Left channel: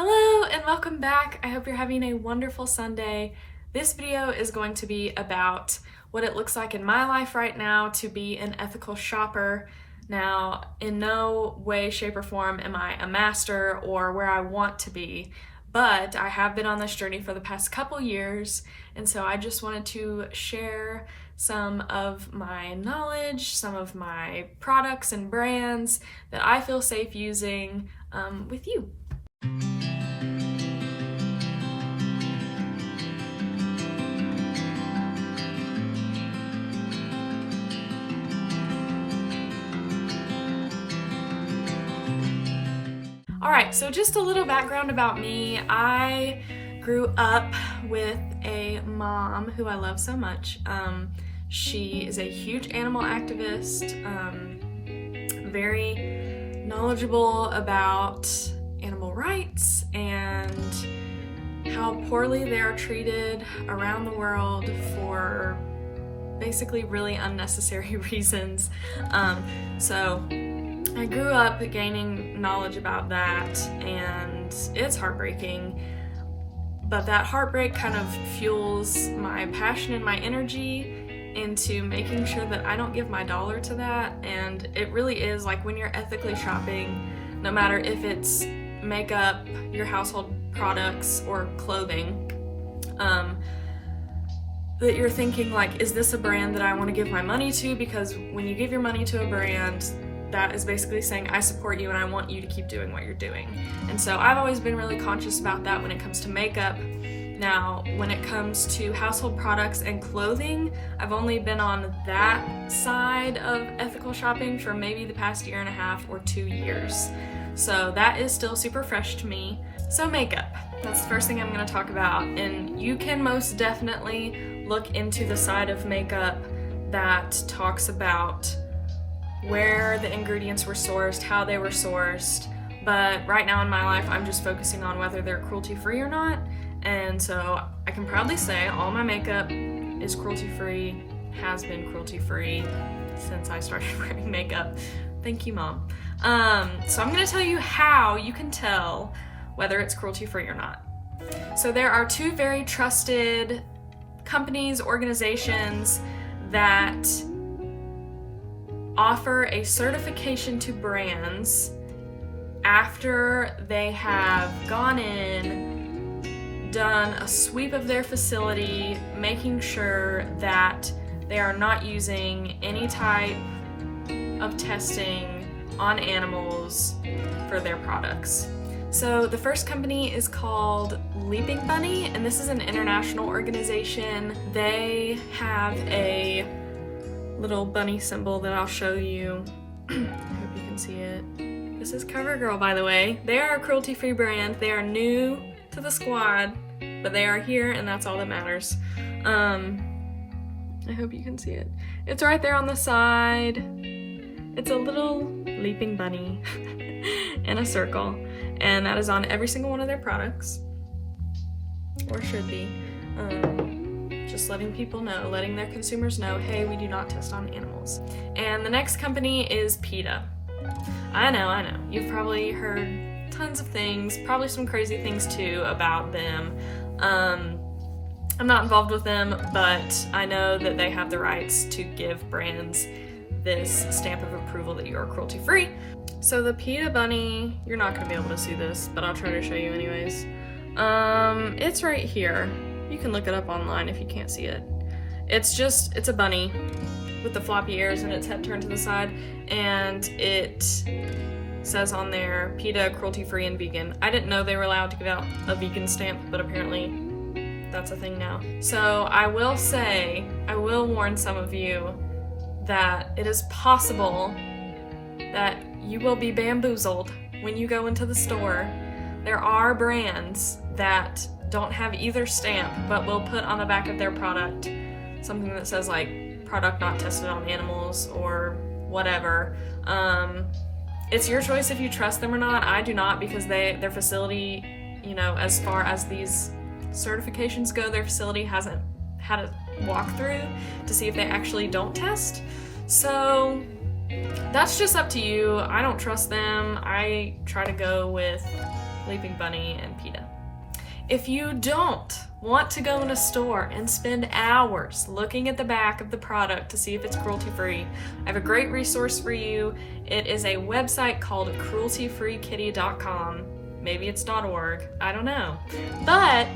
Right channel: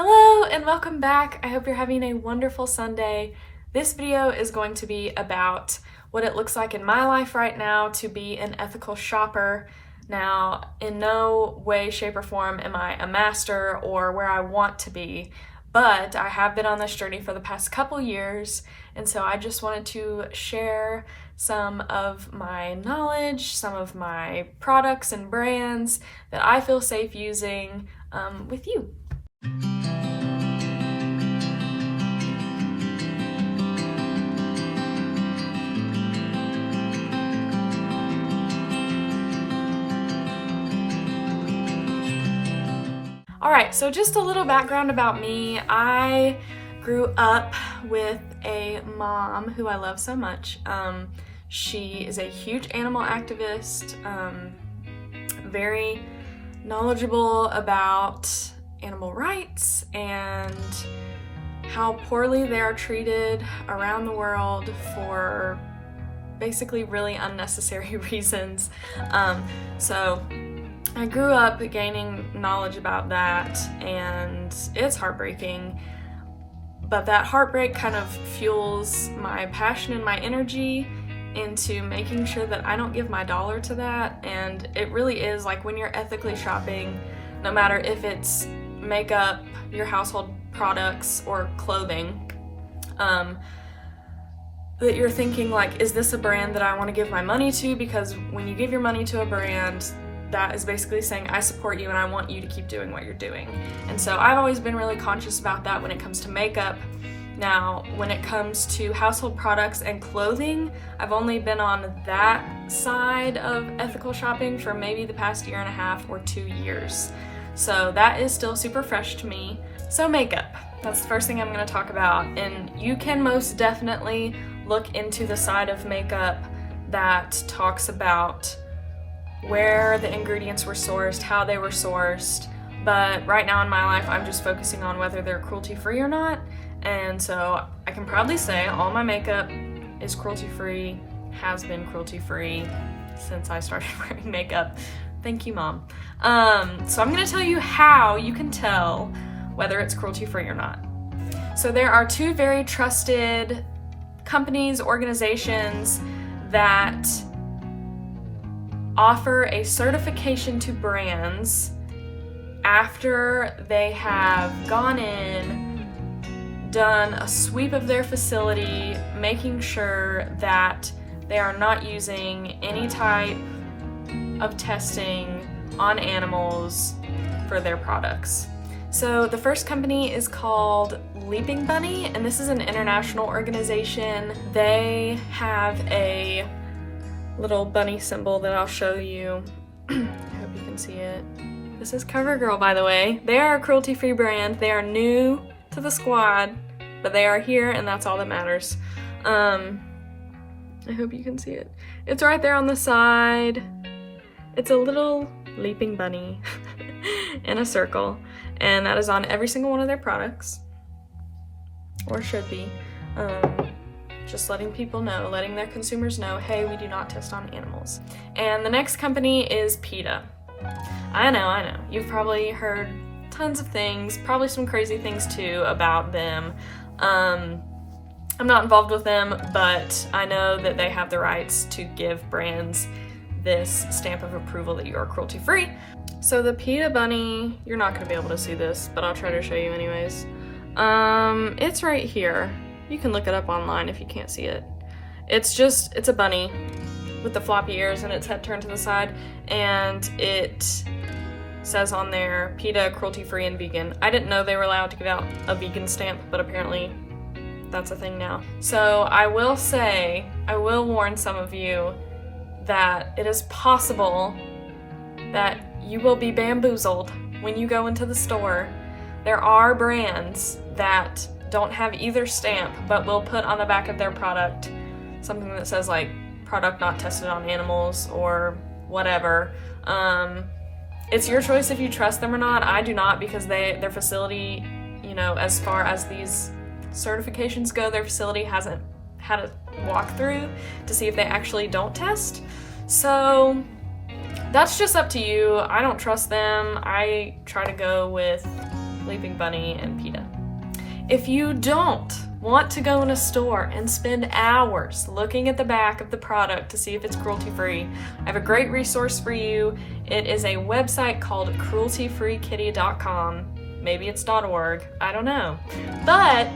Hello and welcome back. I hope you're having a wonderful Sunday. This video is going to be about what it looks like in my life right now to be an ethical shopper. Now, in no way, shape, or form am I a master or where I want to be, but I have been on this journey for the past couple years, and so I just wanted to share some of my knowledge, some of my products and brands that I feel safe using with you. Alright, so just a little background about me. I grew up with a mom who I love so much. She is a huge animal activist, very knowledgeable about animal rights and how poorly they are treated around the world for basically really unnecessary reasons. So I grew up gaining knowledge about that, and it's heartbreaking, but that heartbreak kind of fuels my passion and my energy into making sure that I don't give my dollar to that. And it really is like when you're ethically shopping, no matter if it's makeup, your household products, or clothing, that you're thinking like, is this a brand that I want to give my money to? Because when you give your money to a brand, that is basically saying, I support you and I want you to keep doing what you're doing. And so I've always been really conscious about that when it comes to makeup. Now, when it comes to household products and clothing, I've only been on that side of ethical shopping for maybe the past 1.5 or 2 years. So that is still super fresh to me. So makeup, that's the first thing I'm going to talk about. And you can most definitely look into the side of makeup that talks about where the ingredients were sourced, how they were sourced, but right now in my life I'm just focusing on whether they're cruelty-free or not. And so I can proudly say all my makeup is cruelty-free, has been cruelty-free since I started wearing makeup. Thank you, Mom. So I'm going to tell you how you can tell whether it's cruelty-free or not. So there are 2 very trusted companies, organizations that offer a certification to brands after they have gone in, done a sweep of their facility, making sure that they are not using any type of testing on animals for their products. So the first company is called Leaping Bunny, and this is an international organization. They have a little bunny symbol that I'll show you. I hope you can see it. This is CoverGirl, by the way. They are a cruelty-free brand. They are new to the squad, but they are here, and that's all that matters. I hope you can see it. It's right there on the side. It's a little leaping bunny in a circle, and that is on every single one of their products, or should be. Just letting people know, letting their consumers know, hey, we do not test on animals. And the next company is PETA. I know. You've probably heard tons of things, probably some crazy things too about them. I'm not involved with them, but I know that they have the rights to give brands this stamp of approval that you are cruelty-free. So the PETA bunny, you're not gonna be able to see this, but I'll try to show you anyways. It's right here. You can look it up online if you can't see it. It's a bunny with the floppy ears and its head turned to the side, and it says on there, PETA, cruelty-free, and vegan. I didn't know they were allowed to give out a vegan stamp, but apparently that's a thing now. So I will warn some of you that it is possible that you will be bamboozled when you go into the store. There are brands that don't have either stamp, but will put on the back of their product something that says like product not tested on animals or whatever. It's your choice if you trust them or not. I do not, because their facility, you know, as far as these certifications go, their facility hasn't had a walkthrough to see if they actually don't test. So that's just up to you. I don't trust them. I try to go with Leaping Bunny, and PETA. If you don't want to go in a store and spend hours looking at the back of the product to see if it's cruelty-free, I have a great resource for you. It is a website called crueltyfreekitty.com. Maybe it's .org, I don't know. But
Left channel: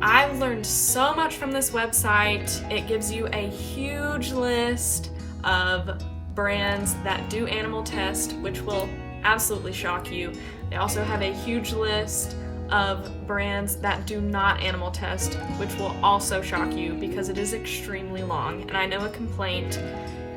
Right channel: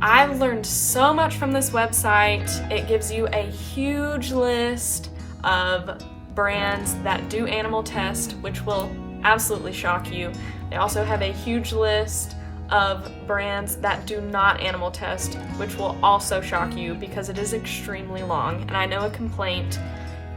I've learned so much from this website. It gives you a huge list of brands that do animal test, which will absolutely shock you. They also have a huge list of brands that do not animal test, which will also shock you because it is extremely long. And I know a complaint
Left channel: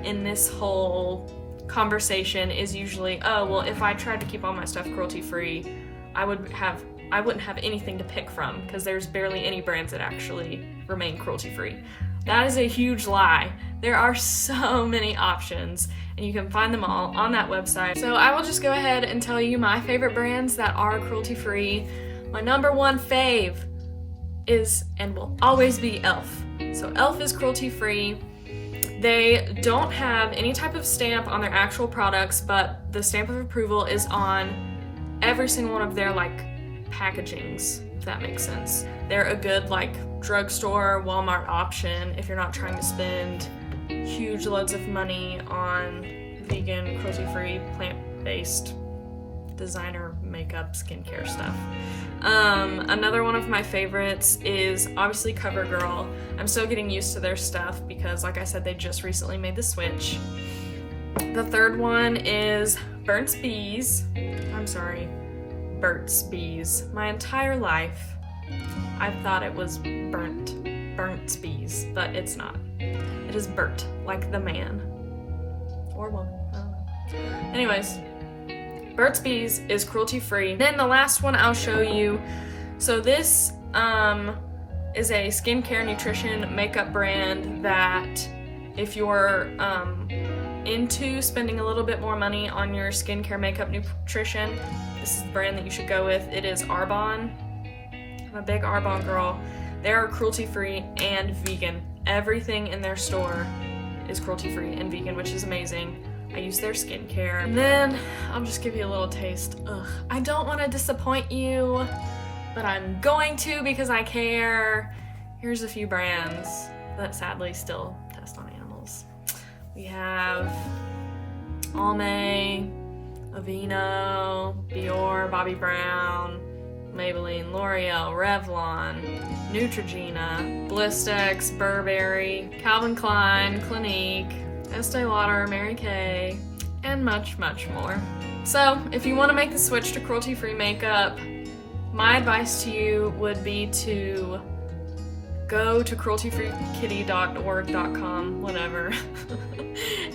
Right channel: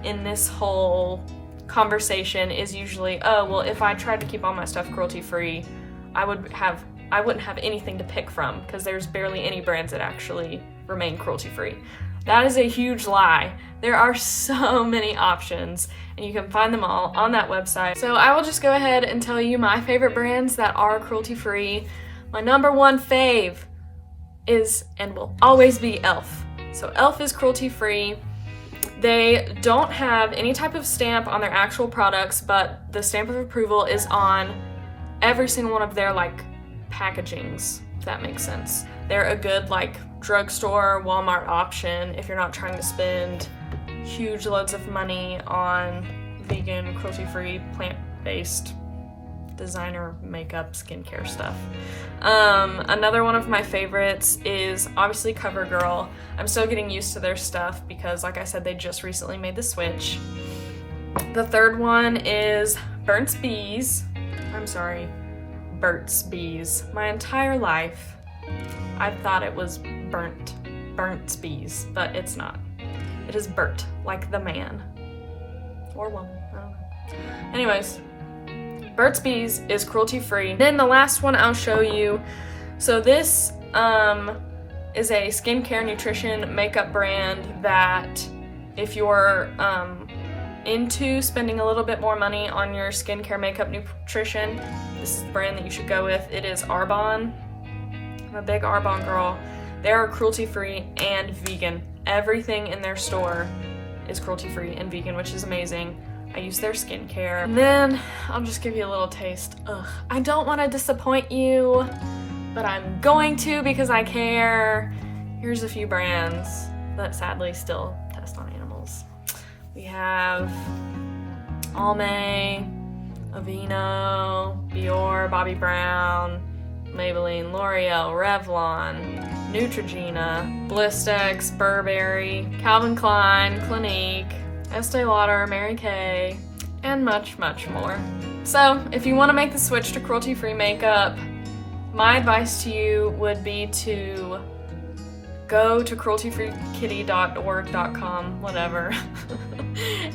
in this whole conversation is usually, oh, well, if I tried to keep all my stuff cruelty-free, I wouldn't have anything to pick from because there's barely any brands that actually remain cruelty-free. That is a huge lie. There are so many options, and you can find them all on that website. So I will just go ahead and tell you my favorite brands that are cruelty-free. My number one fave is and will always be e.l.f. So e.l.f. is cruelty-free. They don't have any type of stamp on their actual products, but the stamp of approval is on every single one of their packagings, if that makes sense. They're a good drugstore, Walmart option if you're not trying to spend huge loads of money on vegan, cruelty-free, plant-based designer makeup, skincare stuff. Another one of my favorites is obviously CoverGirl. I'm still getting used to their stuff because, like I said, they just recently made the switch. The third one is Burt's Bees. My entire life, I thought it was Burt's Bees, but it's not. It is Burt, like the man. Or woman, I don't know. Anyways, Burt's Bees is cruelty-free. Then the last one I'll show you. So this is a skincare, nutrition, makeup brand that if you're into spending a little bit more money on your skincare, makeup, nutrition, this is the brand that you should go with. It is Arbonne. I'm a big Arbonne girl. They are cruelty-free and vegan. Everything in their store is cruelty-free and vegan, which is amazing. I use their skincare. And then I'll just give you a little taste. I don't want to disappoint you, but I'm going to because I care. Here's a few brands that sadly still test on animals. We have Almay, Aveeno, Biore, Bobbi Brown, Maybelline, L'Oreal, Revlon, Neutrogena, Blistex, Burberry, Calvin Klein, Clinique, Estee Lauder, Mary Kay, and much, much more. So if you want to make the switch to cruelty-free makeup, my advice to you would be to go to crueltyfreekitty.org.com, whatever,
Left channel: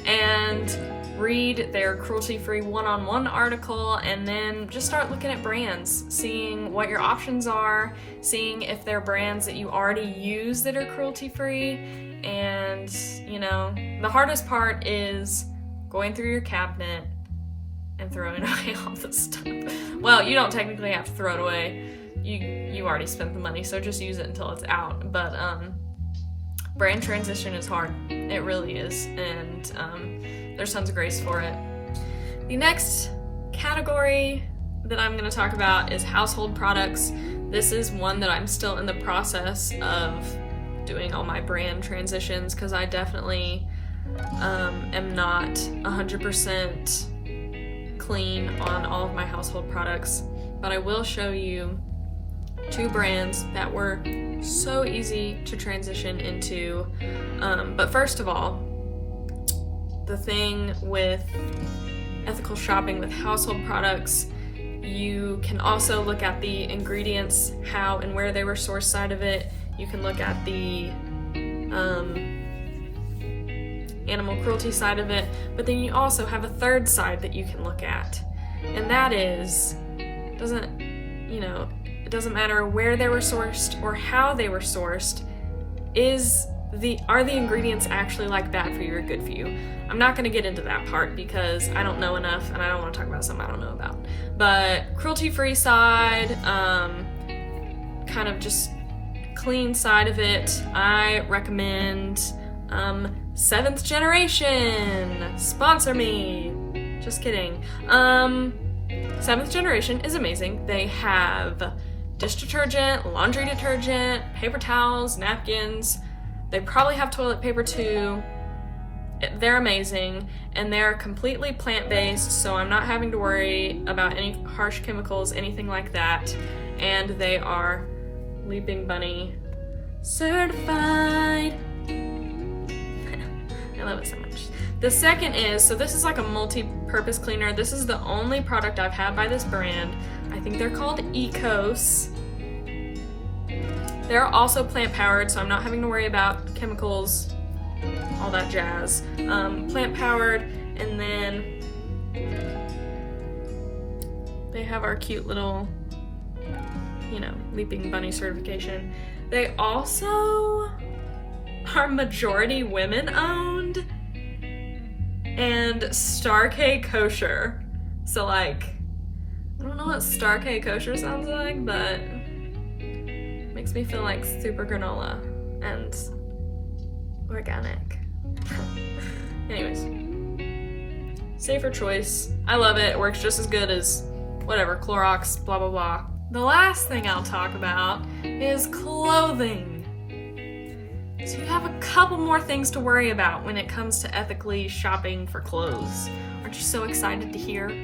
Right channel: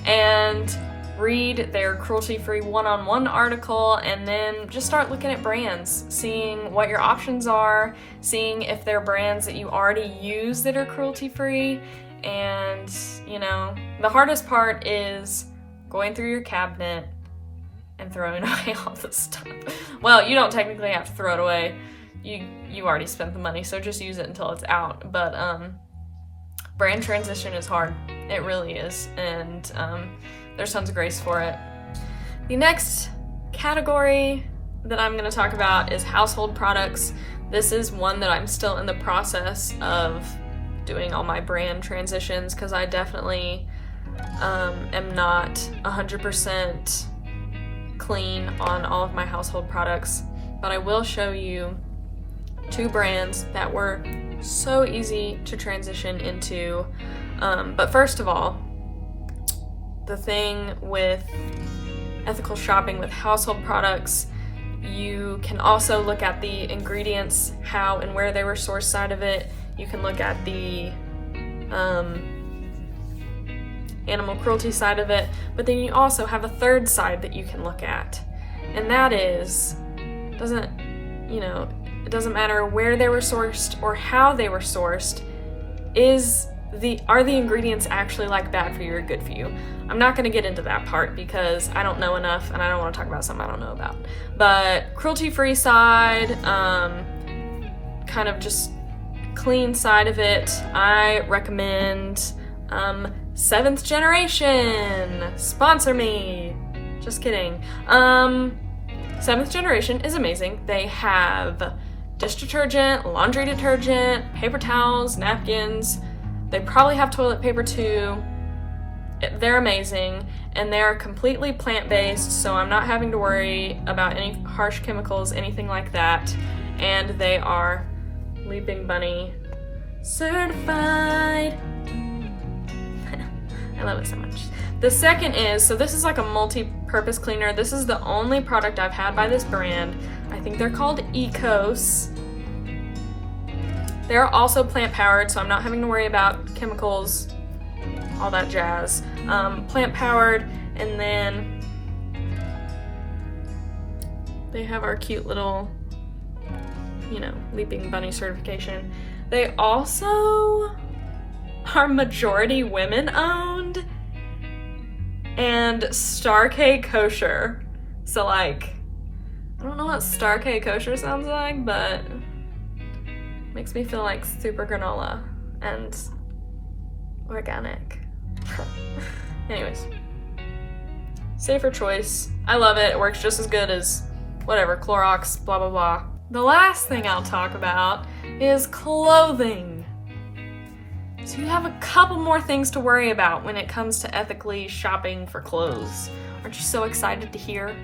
and read their cruelty-free one-on-one article, and then just start looking at brands, seeing what your options are, seeing if there are brands that you already use that are cruelty-free. And, the hardest part is going through your cabinet and throwing away all the stuff. Well, you don't technically have to throw it away. You already spent the money, so just use it until it's out. But brand transition is hard. It really is. And there's tons of grace for it. The next category that I'm going to talk about is household products. This is one that I'm still in the process of doing all my brand transitions because I definitely am not 100% clean on all of my household products, but I will show you two brands that were so easy to transition into. But first of all, the thing with ethical shopping with household products, you can also look at the ingredients, how and where they were sourced side of it. You can look at the animal cruelty side of it, but then you also have a third side that you can look at, and that is, it doesn't matter where they were sourced or how they were sourced, are the ingredients actually bad for you or good for you? I'm not going to get into that part because I don't know enough and I don't want to talk about something I don't know about. But cruelty-free side, kind of just clean side of it, I recommend 7th Generation. Sponsor me. Just kidding. 7th generation is amazing. They have dish detergent, laundry detergent, paper towels, napkins. They probably have toilet paper too. They're amazing, and they're completely plant-based, so I'm not having to worry about any harsh chemicals, anything like that. And they are Leaping Bunny certified. I love it so much. The second is, so this is like a multi-purpose cleaner. This is the only product I've had by this brand. I think they're called Ecos. They're also plant-powered, so I'm not having to worry about chemicals, all that jazz. Plant-powered, and then they have our cute little, Leaping Bunny certification. They also are majority women-owned and Star K kosher. So I don't know what Star K kosher sounds like, but makes me feel like super granola and organic. Anyways, safer choice. I love it. It works just as good as whatever, Clorox, blah, blah, blah. The last thing I'll talk about is clothing. So you have a couple more things to worry about when it comes to ethically shopping for clothes. Aren't you so excited to hear?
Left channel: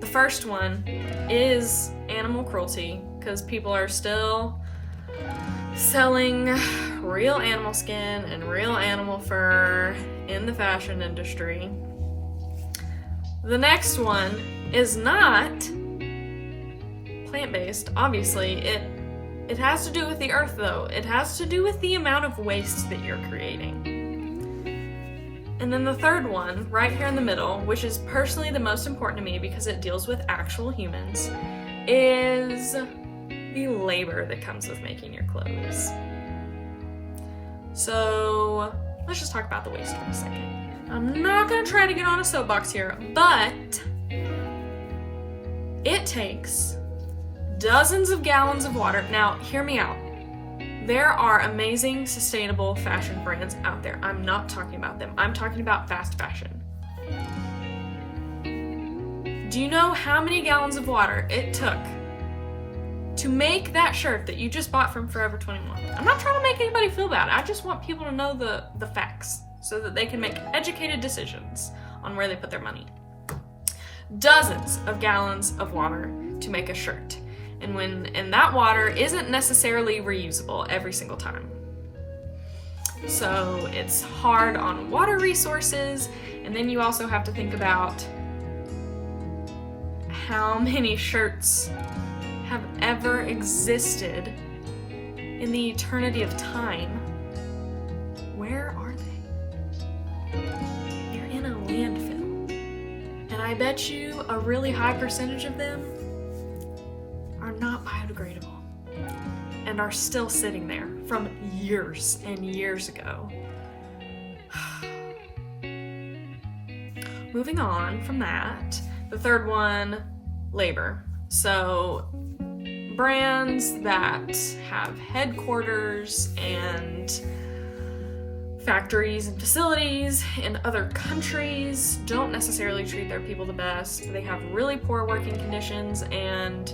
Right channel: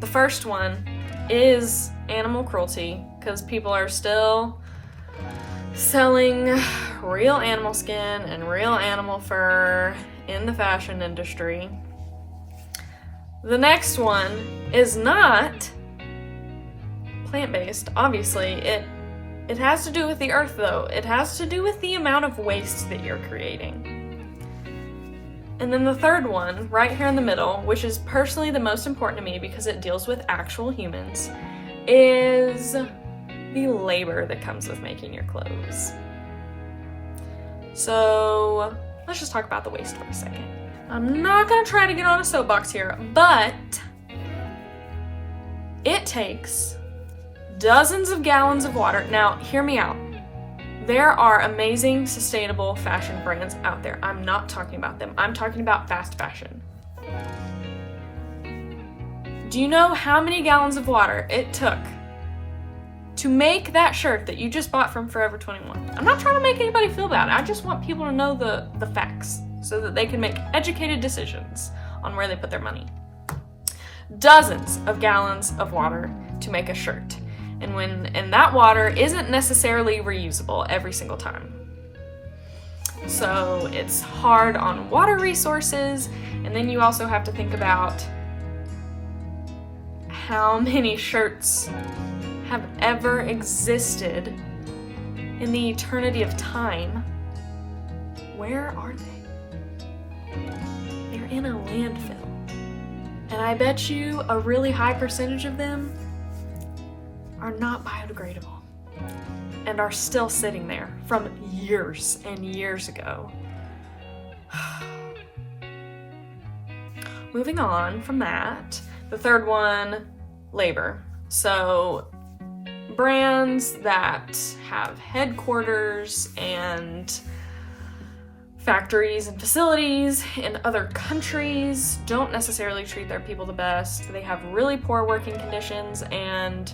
The first one is animal cruelty, because people are still selling real animal skin and real animal fur in the fashion industry. The next one is not plant-based, obviously. It has to do with the earth, though. It has to do with the amount of waste that you're creating. And then the third one, right here in the middle, which is personally the most important to me because it deals with actual humans, is the labor that comes with making your clothes. So let's just talk about the waste for a second. I'm not gonna try to get on a soapbox here, but it takes dozens of gallons of water. Now, hear me out. There are amazing, sustainable fashion brands out there. I'm not talking about them. I'm talking about fast fashion. Do you know how many gallons of water it took to make that shirt that you just bought from Forever 21? I'm not trying to make anybody feel bad. I just want people to know the facts so that they can make educated decisions on where they put their money. Dozens of gallons of water to make a shirt. And that water isn't necessarily reusable every single time. So it's hard on water resources, and then you also have to think about how many shirts have ever existed in the eternity of time. Where are they? They're in a landfill. And I bet you a really high percentage of them are not biodegradable and are still sitting there from years and years ago. Moving on from that, the third one, labor. So brands that have headquarters and factories and facilities in other countries don't necessarily treat their people the best. They have really poor working conditions, and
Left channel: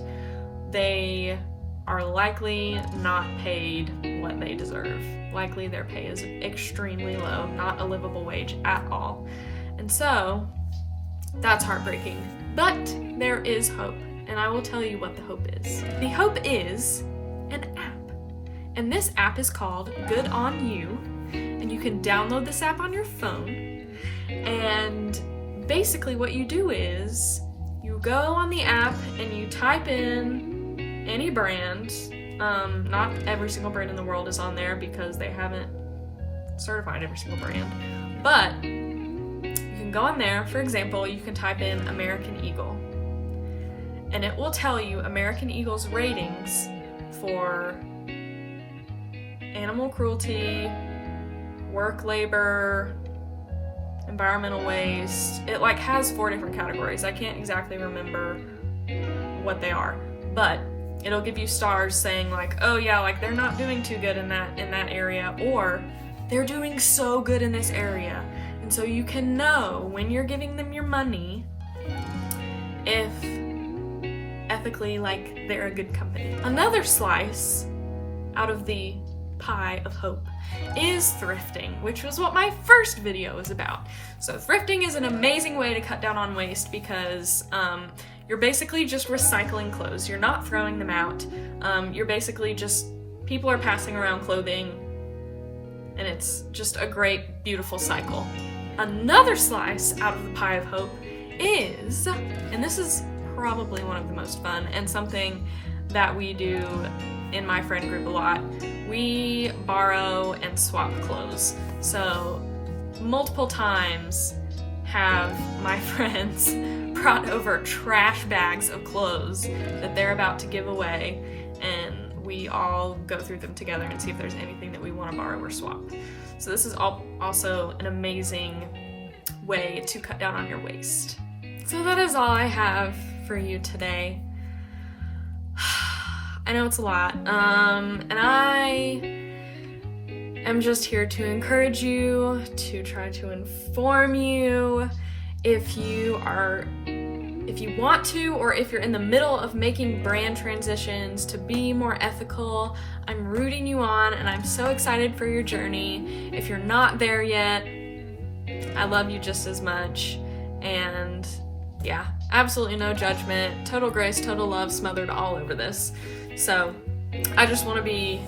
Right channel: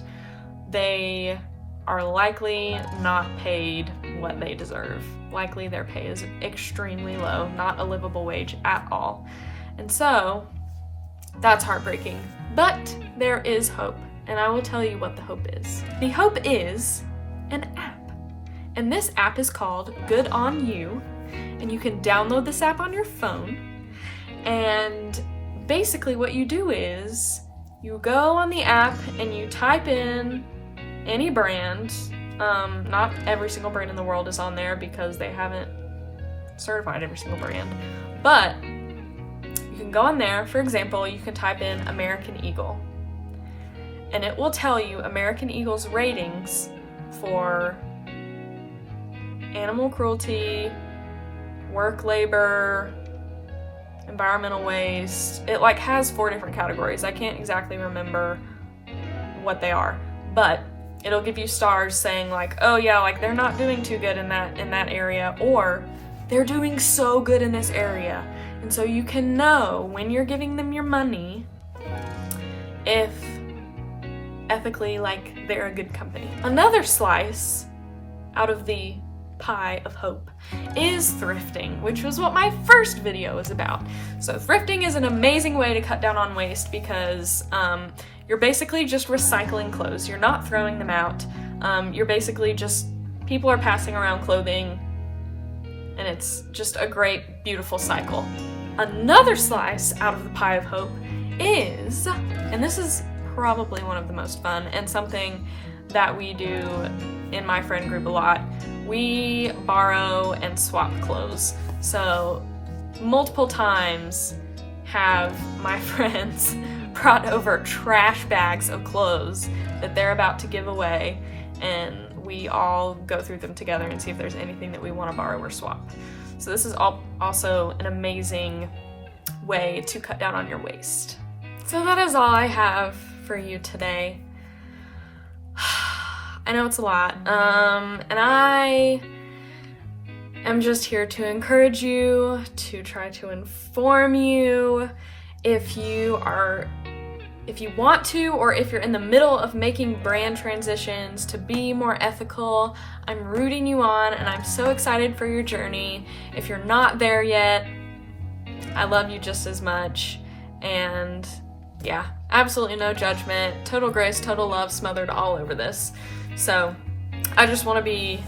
they are likely not paid what they deserve. Likely their pay is extremely low, not a livable wage at all. And so that's heartbreaking. But there is hope, and I will tell you what the hope is. The hope is an app. And this app is called Good On You, and you can download this app on your phone. And basically what you do is you go on the app and you type in any brand. Not every single brand in the world is on there because they haven't certified every single brand. But you can go on there. For example, you can type in American Eagle, and it will tell you American Eagle's ratings for animal cruelty, work labor, environmental waste. It has 4 different categories. I can't exactly remember what they are, but it'll give you stars saying oh yeah, they're not doing too good in that area, or they're doing so good in this area. And so you can know when you're giving them your money if ethically like they're a good company. Another slice out of the pie of hope is thrifting, which was what my first video was about. So thrifting is an amazing way to cut down on waste because you're basically just recycling clothes. You're not throwing them out. You're basically just, people are passing around clothing, and it's just a great, beautiful cycle. Another slice out of the pie of hope is, and this is probably one of the most fun and something that we do in my friend group a lot, we borrow and swap clothes. So multiple times have my friends brought over trash bags of clothes that they're about to give away, and we all go through them together and see if there's anything that we want to borrow or swap. So this is also an amazing way to cut down on your waste. So that is all I have for you today. I know it's a lot, and I am just here to encourage you, to try to inform you. If you want to, or if you're in the middle of making brand transitions to be more ethical, I'm rooting you on, and I'm so excited for your journey. If you're not there yet, I love you just as much, and yeah, absolutely no judgment, total grace, total love smothered all over this. So I just want to be,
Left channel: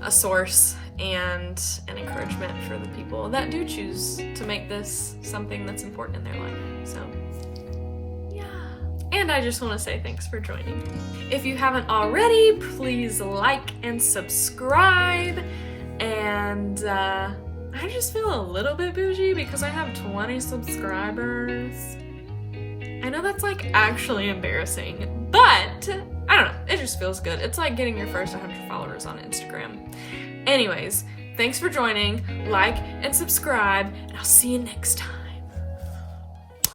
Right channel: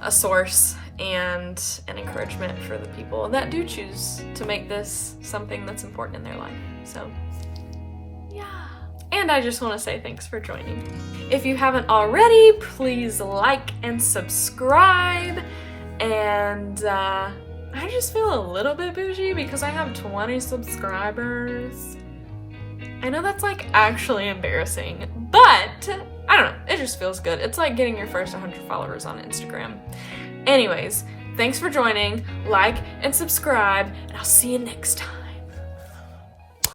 a source and an encouragement for the people that do choose to make this something that's important in their life. So yeah. And I just want to say thanks for joining. If you haven't already, please like and subscribe. And I just feel a little bit bougie because I have 20 subscribers. I know that's like actually embarrassing, but I don't know, it just feels good. It's like getting your first 100 followers on Instagram. Anyways, thanks for joining, like and subscribe, and I'll see you next time.